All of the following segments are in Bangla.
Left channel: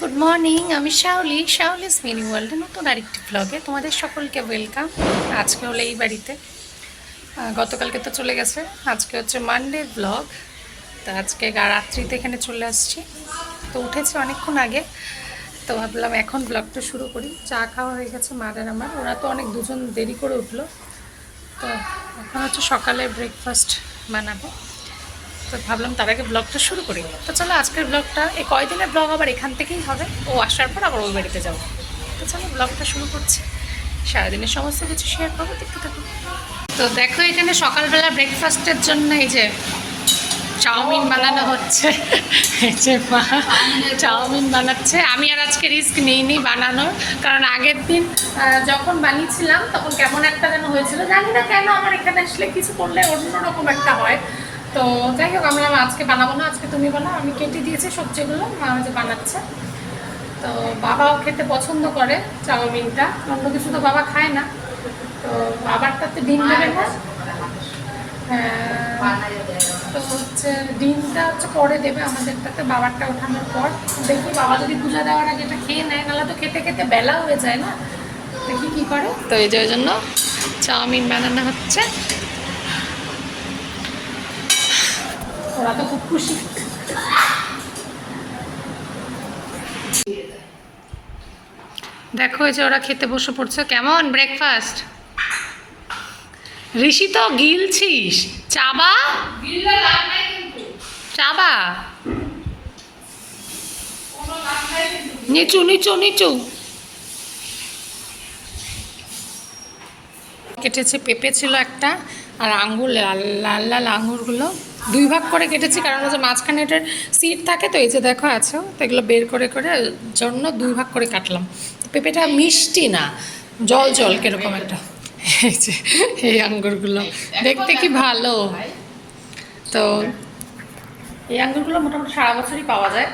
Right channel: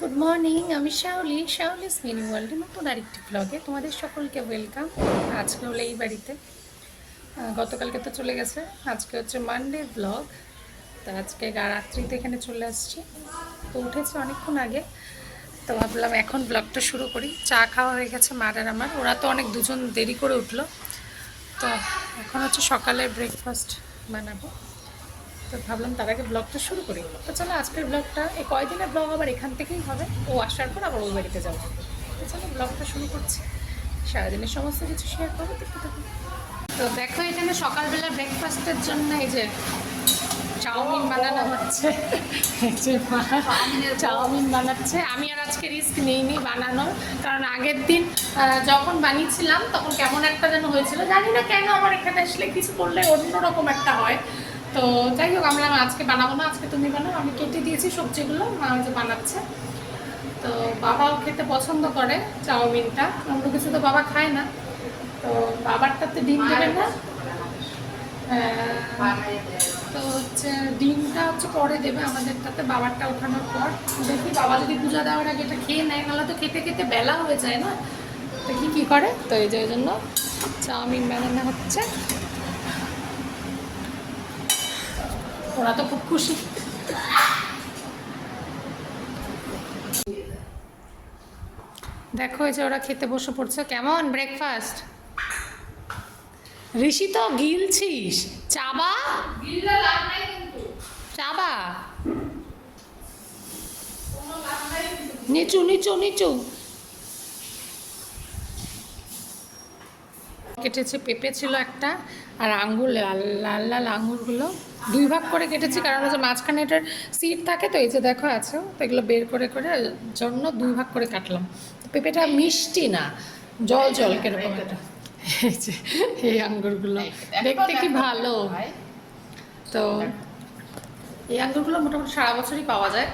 Good morning. আমি শাওলিস মিনি ওয়ার্ল্ডে নতুন আরেকটি ব্লগে তোমাদের সকলকে ওয়েলকাম। আজকে হলো এই বাড়িতে, গতকালকে তো চলে গেছে, আজকে হচ্ছে মানডে ব্লগ। তো আজকে রাত্রিতে এখানে চলে আসছি। তো উঠেছি অনেকক্ষণ আগে, তো ভাবলাম এখন ব্লগটা শুরু করি। চা খাওয়া হয়ে গেছে মার আর আমার, ওরা তো অনেক দুজন দেরি করে উঠলো। তো এখন হচ্ছে সকালে ব্রেকফাস্ট বানাবো, তো ভাবলাম তার আগে ব্লগটা শুরু করি। তো চলো আজকের ব্লগটা, এই কয়দিনের ব্লগ আবার এখান থেকেই হবে, ও আসার পর আবার ওই বাড়িতে যাবো। তো চলো ব্লগটা শুরু করছি, সারাদিনের সমস্ত কিছু শেয়ার করবো, দেখতে থাকবো। তো দেখো এখানে সকালবেলা ব্রেকফাস্টের জন্য এই যে চাউমিন বানানো হচ্ছে। এই যে মা চাউমিন বানাচ্ছে। আমি আর আজকে রিস্ক নিইনি বানানোর, কারণ আগের দিন যখন বানিয়েছিলাম তখন কেমন একটা যেন হয়েছিল, জানি না কেন। আমার এখানে আসলে কিছু করলে অন্যরকম একটা হয়। তো যাই হোক, আমরা আজকে বানাবো না, আজকে তুমি বানাও। আমি কেটে দিয়েছি সবজিগুলো, মা যে বানাচ্ছে। তো বাবাও খেতে পছন্দ করে চাউমিনটা, অন্য কিছু তো বাবা খায় না। তো বাবারটাতে ডিম দেবে না, তো হচ্ছে ডিমটা হচ্ছে পরে দেবে আমাদেরটাতে, বাবারটা ওঠানোর পর। দেখি বাবা যদি পূজা দেওয়ার আগে এটা খেয়ে নেয়, নাহলে তো খেতে খেতে বেলা হয়ে যায় না, দেখি কী করে। তো এই যে ওই জন্য চাউমিন বানানো হচ্ছে। ওরা তো খুব খুশি। দেখো এই যে ওরা খেতে বসে পড়ছে। কেমন ব্রেকফাস্ট? ঋষি তো গিলছিস, চাবা চাবা, নিচু নিচু নিচু। কেটেছি, পেঁপে ছিল একটা, আর আঙ্গুর, লাল লাল লাল আঙ্গুরগুলো দুই ভাগ করে কেটেছি, কারণ হচ্ছে মাঝখানে এটার সিড থাকে। তো এই যে দেখো আছে, তো এগুলো বের করে করে জন্য দুই ভাগ করে কাটলাম। পেঁপেটা মিষ্টি না, জল জল কিরকম একটা। এই যে এই আঙ্গুরগুলো দেখতে কি ভালো। তো এই আঙ্গুরগুলো মোটামুটি সারা বছরই পাওয়া যায়,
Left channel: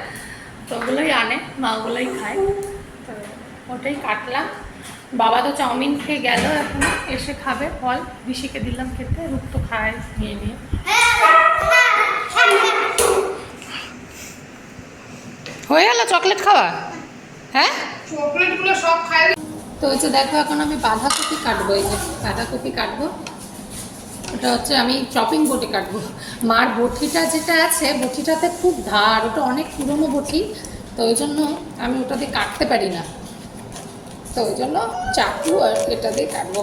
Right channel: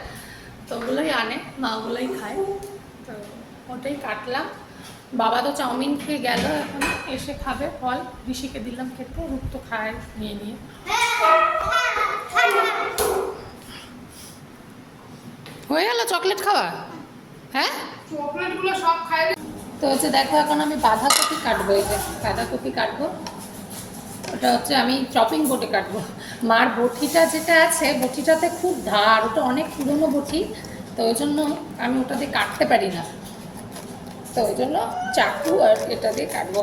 তো ওগুলোই আনে, মা ওগুলোই খায়। তো ওটাই কাটলাম। বাবা তো চাউমিন খেয়ে গেল, এখন এসে খাবে ফল। ঋষিকে দিলাম খেতে, রূপ তো খায় নিয়ে নিয়ে। হয়ে গেল চকলেট খাওয়া? হ্যাঁ, চকলেটগুলো সব খায়। তো হচ্ছে দেখো এখন আমি বাঁধাকপি কাটবো। এই যে বাঁধাকপি কাটবো, ওটা হচ্ছে আমি চপিং বোর্ডে কাটবো। মার বটিটা যেটা আছে, বটিটাতে খুব ধার, ওটা অনেক পুরনো বটি, তো ওই জন্য আমি ওটা দিয়ে কাটতে পারি না। তো ওই জন্য চাকু আর এটা দিয়ে কাটবো।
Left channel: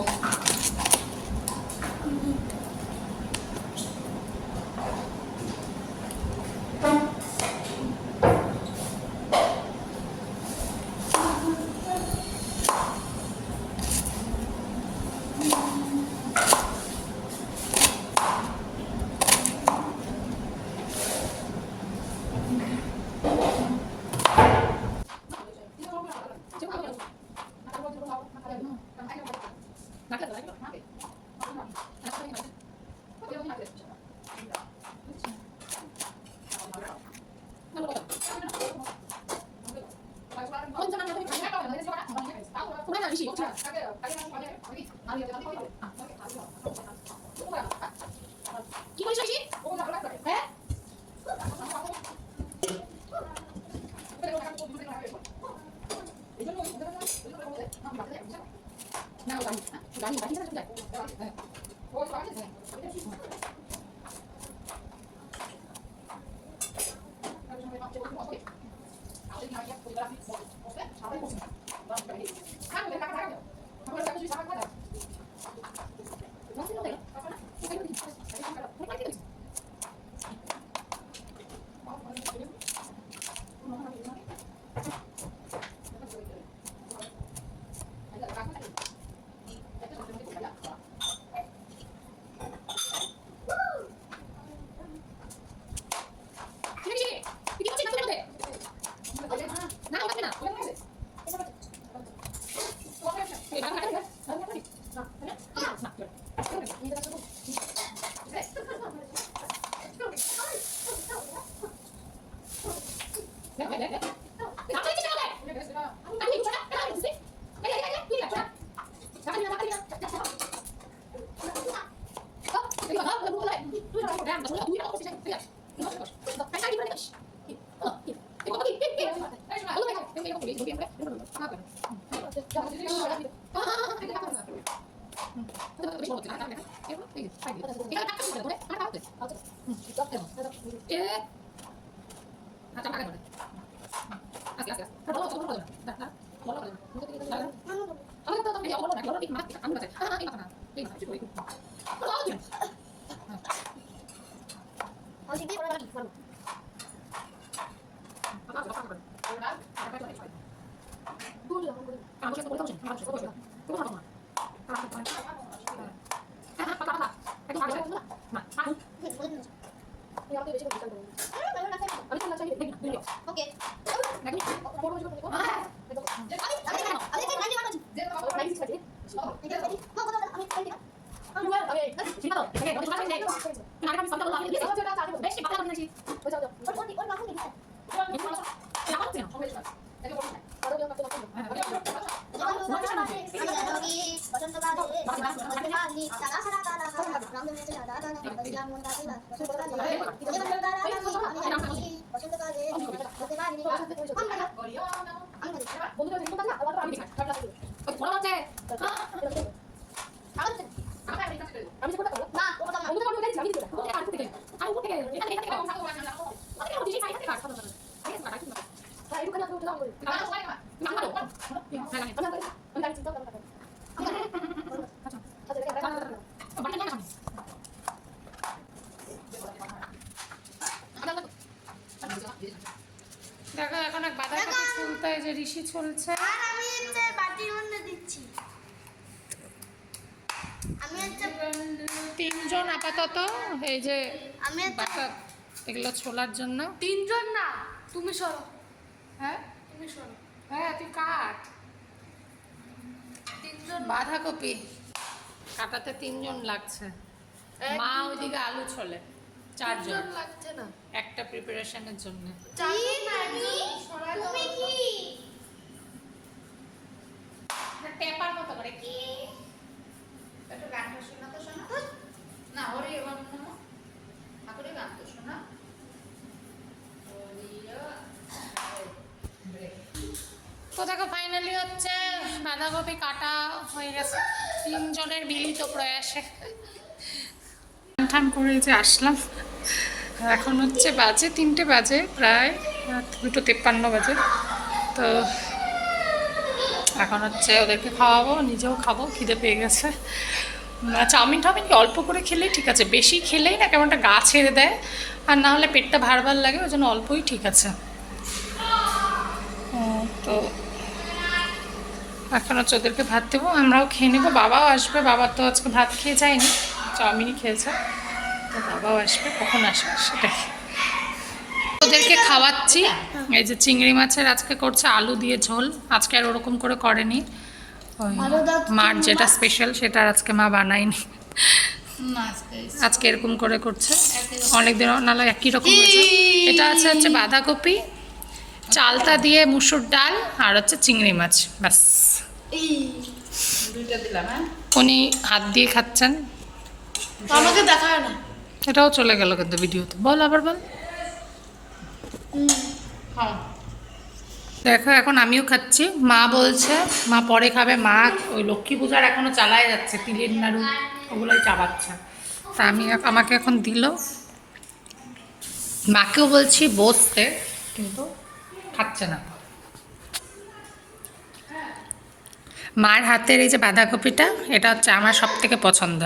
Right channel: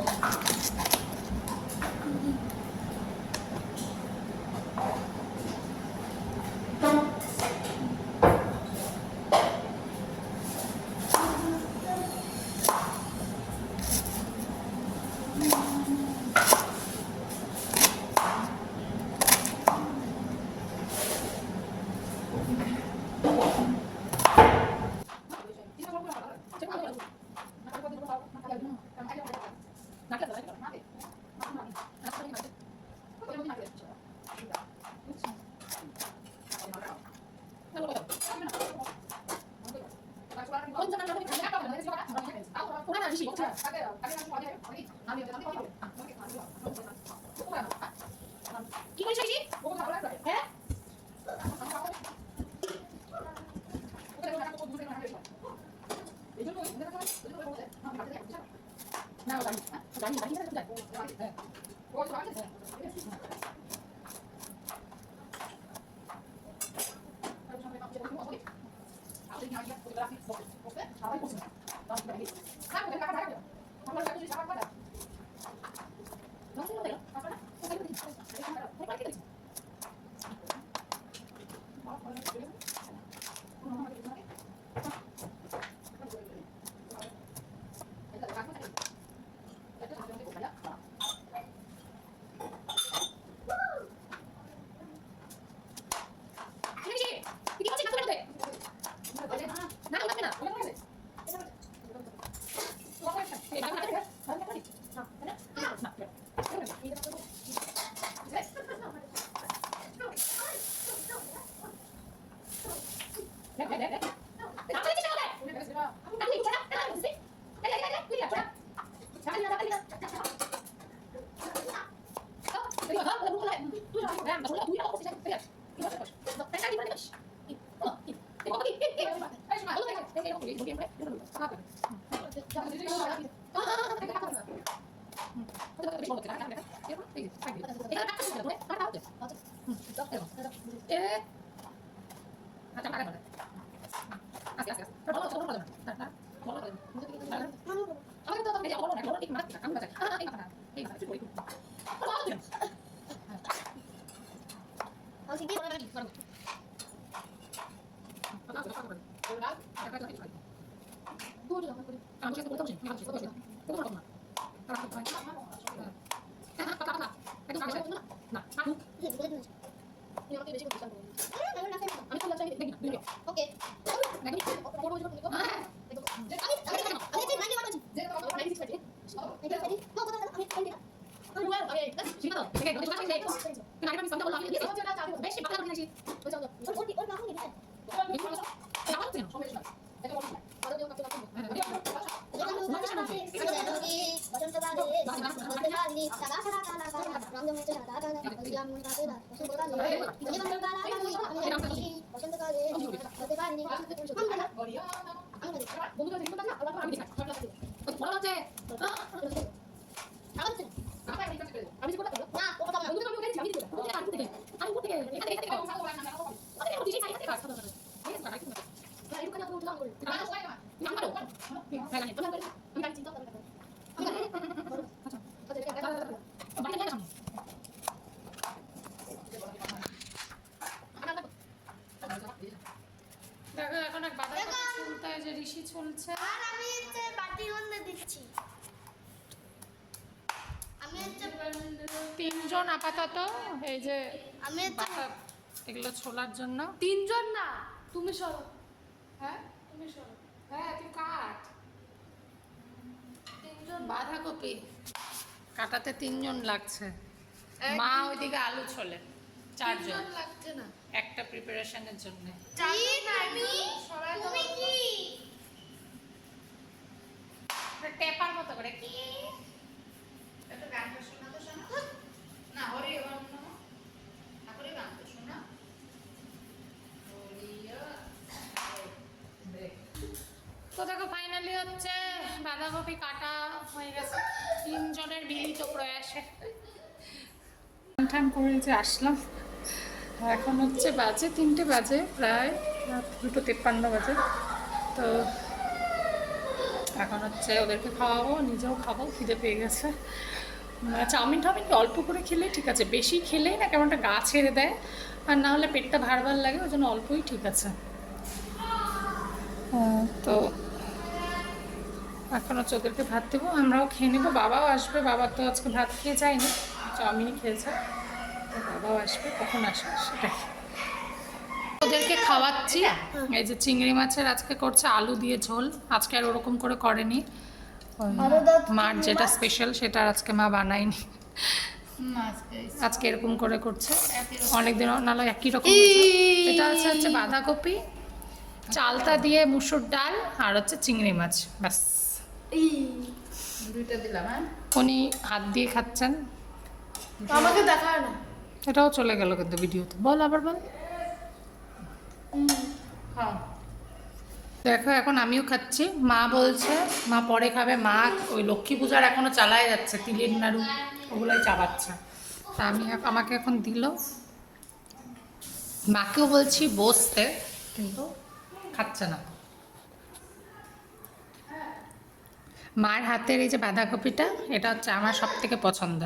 দেখো এখন এক বাঁধাকপি ফুলতে যে ঋষি চলছে। আর আমি হচ্ছে বাটির মধ্যে দিচ্ছি। আমি হচ্ছে তিনজন আপাতত এই যে আমি হচ্ছে বাটা এগুলো ছোলার জন্য। তিনজন না, তুমি সরো, হ্যাঁ তুমি সরো। হ্যাঁ তুই কাট। তিনজন বাঁধাকপি কাটাতে তিনজন লাগছে। মা ওইদিকে আলু ছোলে চারজন তিনজন লাগছে না। একটা প্রিপারেশনের জন্য। তুমি কি টেপার মতো করে কি একটু গানটা শোনা তো শোনা না ওরে এবার শোনা ঠাকুরের গান তো শোনা। তো দেখো ফাইনালি হচ্ছে বাঁধাকপি কাটা হয়ে গেছে তিনজনের মিলিত প্রয়াসে। ঠান করে যে আসলাম, এখন হচ্ছে বাজে 3টে বাজে, প্রায় 2:53 বাজে। তো এখন হচ্ছে ওদেরকে খাওয়াবো, নিজেও খাবো, খিদে পেয়ে গেছে। চাউমিন টাউমিন কি অল্প করে খেলেই ঠিক আছে, বেশি খেলেই না কেমন একটা গা ছেড়ে দেয়, আর না হলে পেটটা ভার ভার লাগে, ওই জন্য অল্পই ঠিক আছে। তো এখন হচ্ছে ওদেরকে ভাত দেবো, আমরাও খেয়ে নেবো। বাবাও আসবে, বাবা তো আজকে ভাত খেয়ে যায়নি, চাউমিনই খেয়েছে। তো বাবাও আসবে, কখন আসবে সেটাই। ওদেরকে খাওয়াচ্ছি। এই যে চিংড়ি মাছের আজকে করছে আলু দিয়ে ঝোল, আজকে আর ওরকম করে করেনি। ওই মার যেটা স্পেশাল সেটা আর আজকে মা বানায়নি, আজকে এরকম করে করছে। অনেকদিন নাহলে একই রকম হয়েছে। এটা হচ্ছে বাঁধাকপি, চালতা দিয়ে মুসুর ডাল, আর হচ্ছে চিংড়ি মাছ, ব্যাস। উনি হাত দিয়ে খাচ্ছেন, আমাকে দেখায় না। এটাও চলে গেল কিন্তু ভিডিওতে। বল আবার বল। দেখো এখন আমিও খাচ্ছি, মা বলছে মা পরে খাবে, মা ওই লক্ষ্মী পূজার এখনো চালায় যাচ্ছে, তিলের নাড়ু ওগুলোই চাবাচ্ছে। তা আমাকে এখন দিল, মাকেও বলছি বসতে, কিন্তু খাচ্ছে না। মার হাতের এই যে বাঁধাকপিটা, এটা হচ্ছে আমার সব থেকে পছন্দ।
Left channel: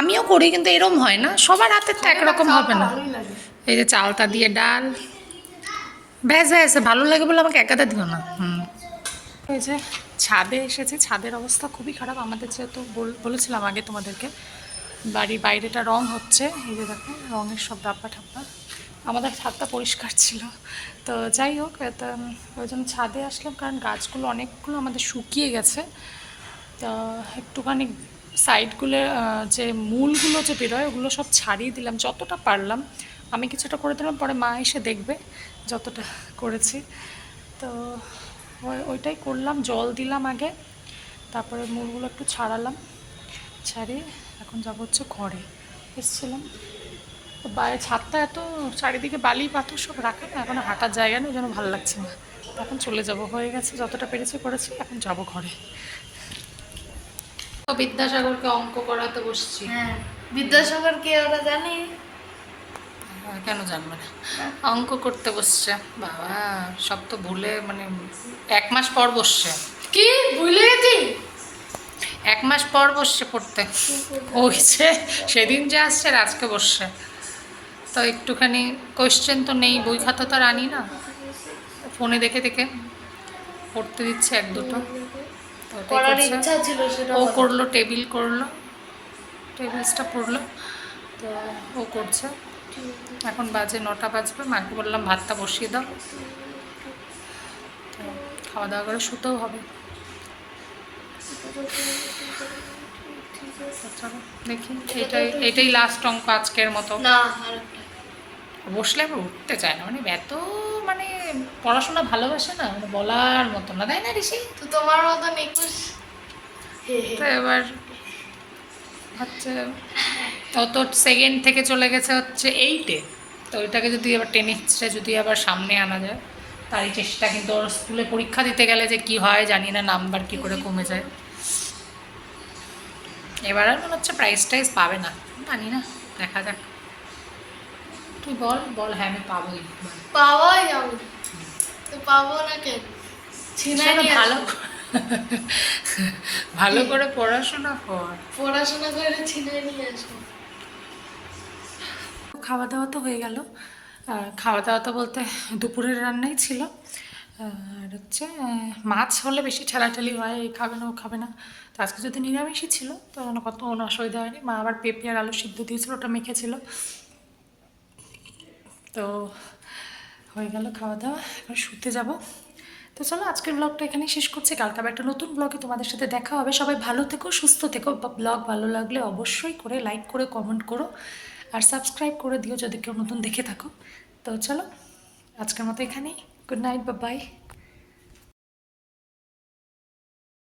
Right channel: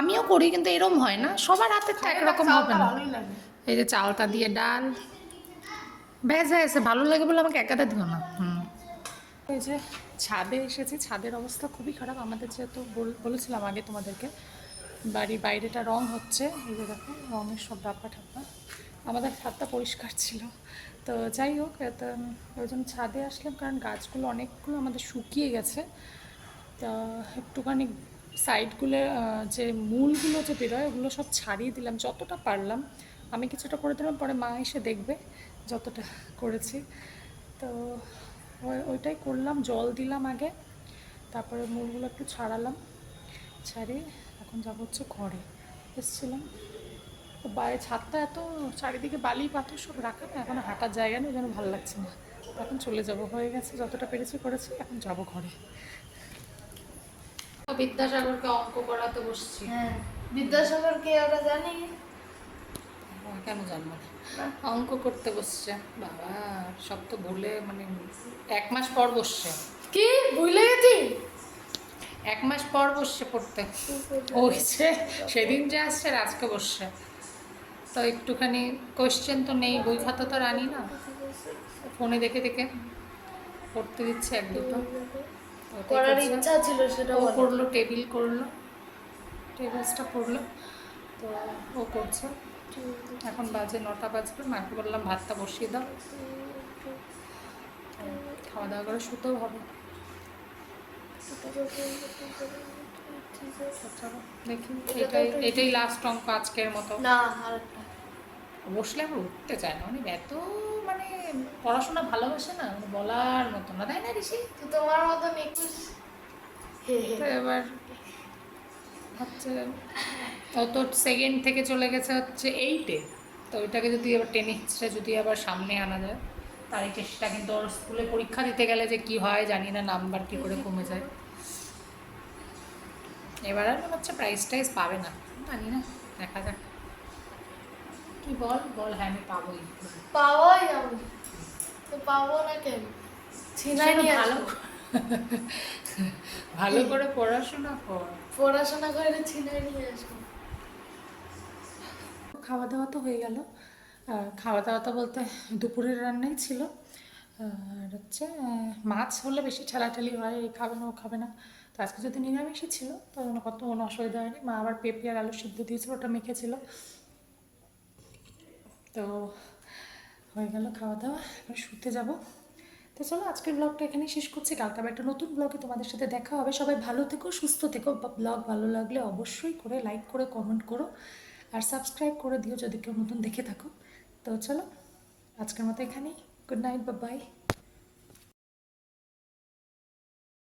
আমিও করি, কিন্তু এরম হয় না, সবার হাতের তো একরকম হবে না। এই যে চালতা দিয়ে ডাল, ব্যাস ব্যাস, ভালো লাগে বলে আমাকে একাদা দিও না। ওই যে ছাদে এসেছে, ছাদের অবস্থা খুবই খারাপ আমাদের, যেহেতু বলেছিলাম আগে তোমাদেরকে, বাড়ির বাইরেটা রং হচ্ছে। এই যে দেখো রঙের সব ডাব্বা ঠাব্বা। আমাদের ছাদটা পরিষ্কার ছিল, তো যাই হোক, এটা ওই জন্য ছাদে আসলাম, কারণ গাছগুলো অনেকগুলো আমাদের শুকিয়ে গেছে। তো একটুখানি সাইডগুলো যে মূলগুলো যে বেরোয় ওগুলো সব ছাড়িয়ে দিলাম যতটা পারলাম। আমি কিছুটা করে দিলাম, পরে মা এসে দেখবে যতটা করেছি। তো ওইটাই করলাম, জল দিলাম আগে, তারপরে মূলগুলো একটু ছাড়ালাম, ছাড়িয়ে এখন যাবো হচ্ছে ঘরে। এসেছিলাম বাইরে, ছাদটা এত চারিদিকে বালি পাথর সব রাখা না, এখন হাঁটার জায়গা নেই, যেন ভালো লাগছে না। এখন চলে যাব, হয়ে গেছে যতটা পেরেছি করেছি, এখন যাব ঘরে। বিদ্যাসাগরকে অঙ্ক করাতে বসছি। বিদ্যাসাগর কে ওরা জানি? কেন জানবে না? অঙ্ক করতে বসছে বাবা, সব তো ভুলে মানে 1 মাস পর বসছে, কি ভুলে গেছি? 1 মাস পর বসছে পড়তে। ওই যে সেদিন যে আসছে আর আজকে বসছে, তো একটুখানি কোয়েশ্চেন তো নেই, বই খাতা তো আর আনি না, ফোনে দেখে দেখে পড়তে দিচ্ছে 1-2টো। তো ওটাই করার করছে। ইচ্ছা ছিল সেটা ও বলো। করলো, টেবিল করলো, টেবিলসটা পড়লো, তো ও করছে। এখন বাজে 9টা বাজবে, মাকে বললাম ভাতটা বসিয়ে দাও, তো খাওয়া দাওয়া করে শুতেও হবে। তো চলো দেখি, এটাই লাস্ট অঙ্ক আজকের মতো। না আরেকটা। বসলে আবার উঠতে চায় না, মানে এত মানে পড়াশোনা ভালোবাসে না, মানে বলার মতো না, তাই না ঋষি? তো তোমার মতন 21। তো এবার হচ্ছে ও তো সেকেন্ড থেকে চলে গেছে হচ্ছে 8-এ, তো ওইটাকে যদি এবার 10 হিস্ট্রে যদি আবার সামনে আনা যায়, তার এই চেষ্টা। কিন্তু ওর স্কুলে পরীক্ষা দিতে গেলে যে কি হয় জানি না, নাম্বার কি করে কমে যায়। এবার আর মনে হচ্ছে প্রাইজ টাইজ পাবে না, জানি না, দেখা যাক। তুই বল বল, হ্যাঁ আমি পাবোই। পাওয়াই যাবে। তো পাবো না কেন? ছিনাই নিয়ে ভালো আসবো। ভালো করে পড়াশোনা কর। পড়াশোনা করে ছিনাই নিয়ে আসবো। খাওয়া দাওয়া তো হয়ে গেল। খাওয়া দাওয়া তো বলতে দুপুরের রান্নাই ছিল। আর হচ্ছে মাছ হলে বেশি ঠেলাঠেলি হয়, এ খাবে না ও খাবে না। তো আজকে যদি নিরামিষই ছিল তো কোনো অসুবিধা হয়নি। মা আবার পেঁপে আর আলু সিদ্ধ দিয়েছিল, ওটা মেখেছিল। তো হয়ে গেল খাওয়া দাওয়া, এবার শুতে যাব। তো চলো আজকের ব্লগটা এখানেই শেষ করছি, কালকে আবার একটা নতুন ব্লগে তোমাদের সাথে দেখা হবে। সবাই ভালো থেকো, সুস্থ থেকো। ব্লগ ভালো লাগলে অবশ্যই করে লাইক করে কমেন্ট করো, আর সাবস্ক্রাইব করে দিও যদি কেউ নতুন দেখে থাকো। তো চলো আজকের মতো এখানেই, গুড নাইট, বাই।